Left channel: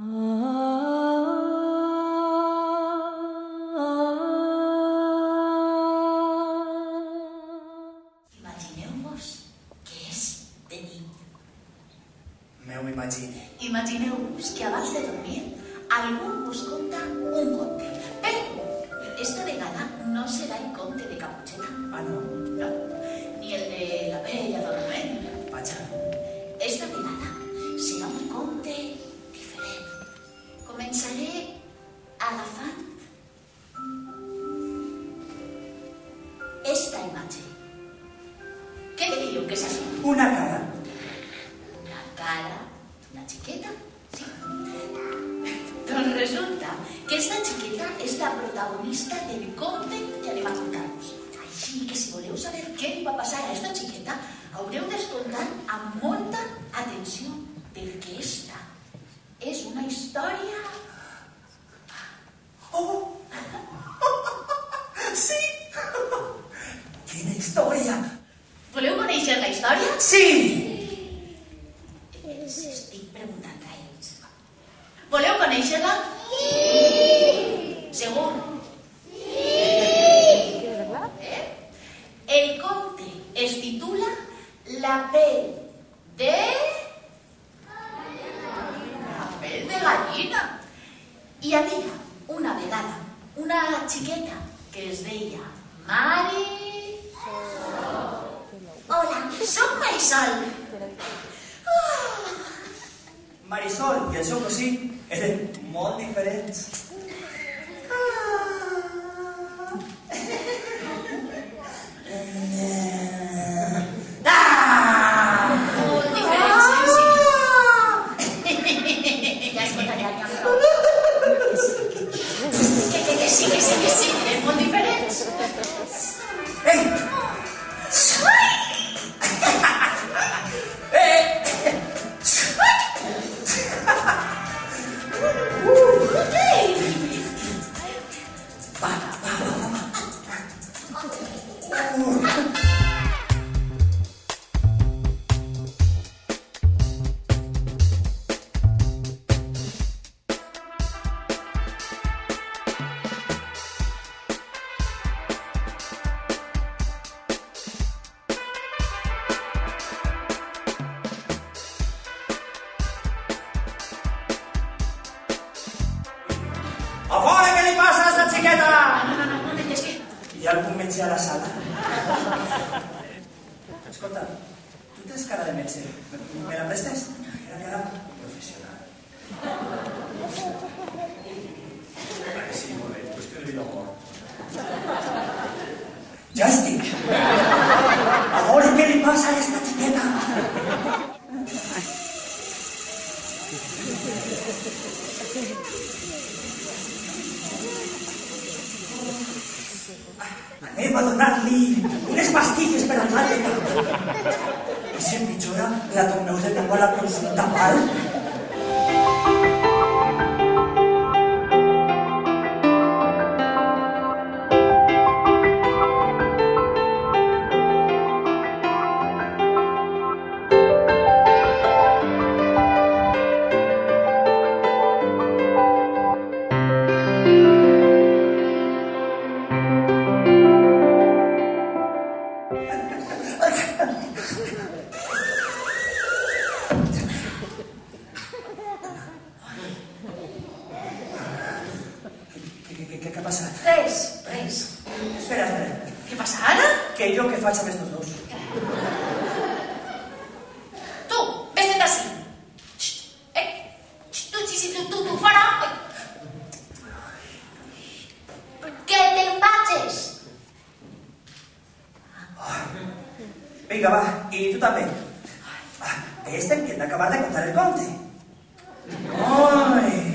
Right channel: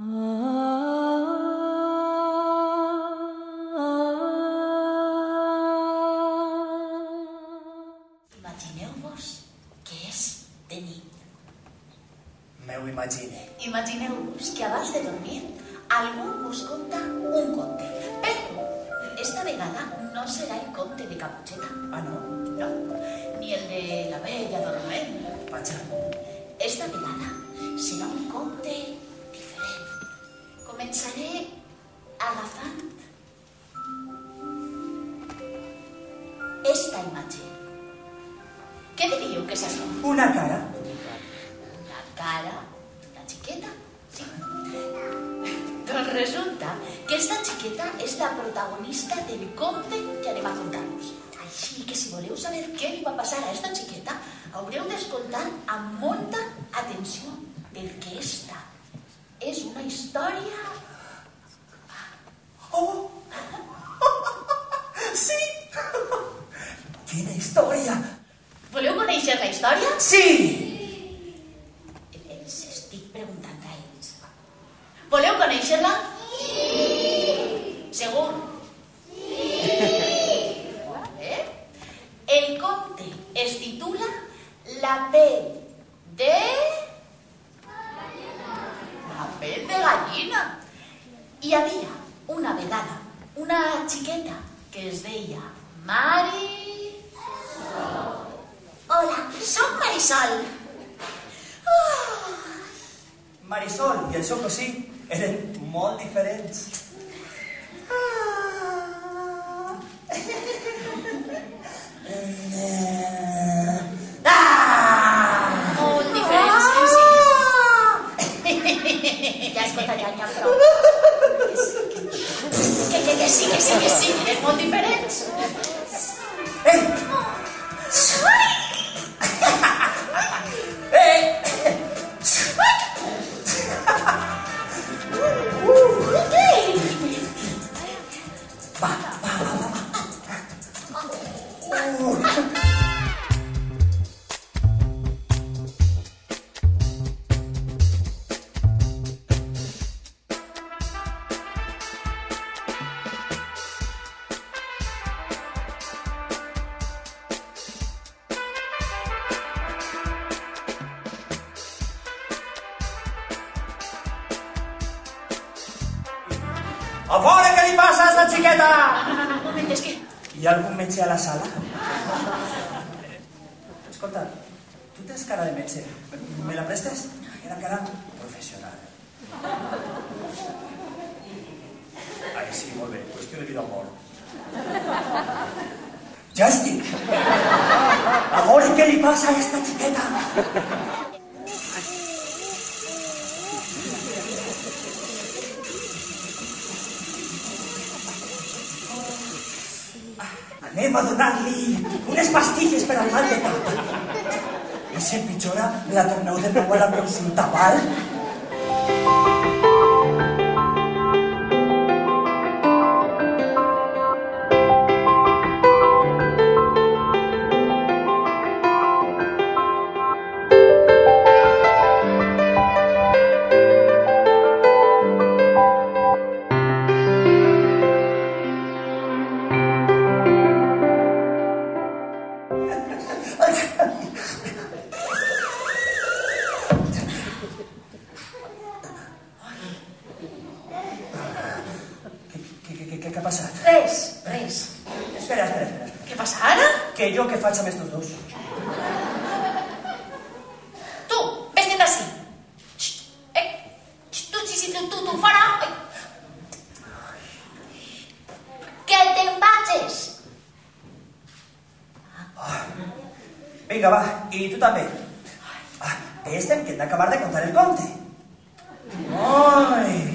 Imagineu-vos que és de nit. M'ho imagine. Imagineu-vos que abans de dormir algú us conta un conte. Però esta vegada no serà el conte de Caputxeta. Ah, no? No, ni el de la Bella Dorment. Vaja. Esta vegada serà un conte diferent. Començaré agafant esta imatge. Què diríeu que és això? Una cara. La cara d'una xiqueta, sí. Doncs resulta que esta xiqueta és la protagonista del conte que anem a contar-vos. Així que si voleu saber què li va passar a esta xiqueta, haureu d'escoltar amb molta atenció, perquè esta és una història... Oh! Sí! Quina història! Voleu conèixer la història? Sí! Els estic preguntant a ells. Voleu conèixer-la? Sí! Segur? Sí! El conte es titula La pell de... La pell de gallina. Hi havia una vegada una xiqueta que es deia Hola, soc Marisol. Marisol i el seu cosí eren molt diferents. Molt diferents, sí. Ja escoltaré, n'hi ha prou. Que sí, eren molt diferents. Ei! A fora, què li passa a esta xiqueta? No, un moment, és que... Hi ha algun metge a la sala? Escolta, tu tens cara de metge. Me la prestes? Era cara professional. Ai, sí, molt bé. Qüestió de vida o mort. Ja estic. A veure què li passa a esta xiqueta. Anem a donar-li unes pastilles per al mal de cap. I si empitjora, la torneu de nou a la consulta, val? Què ha passat? Res. Espera. Què passa ara? Que jo què faig amb estos dos? Tu, vés-te'n d'ací. Tu, fora. Que te'n vagis. Vinga, va, i tu també. Estem que hem d'acabar de contar el conte. Ai!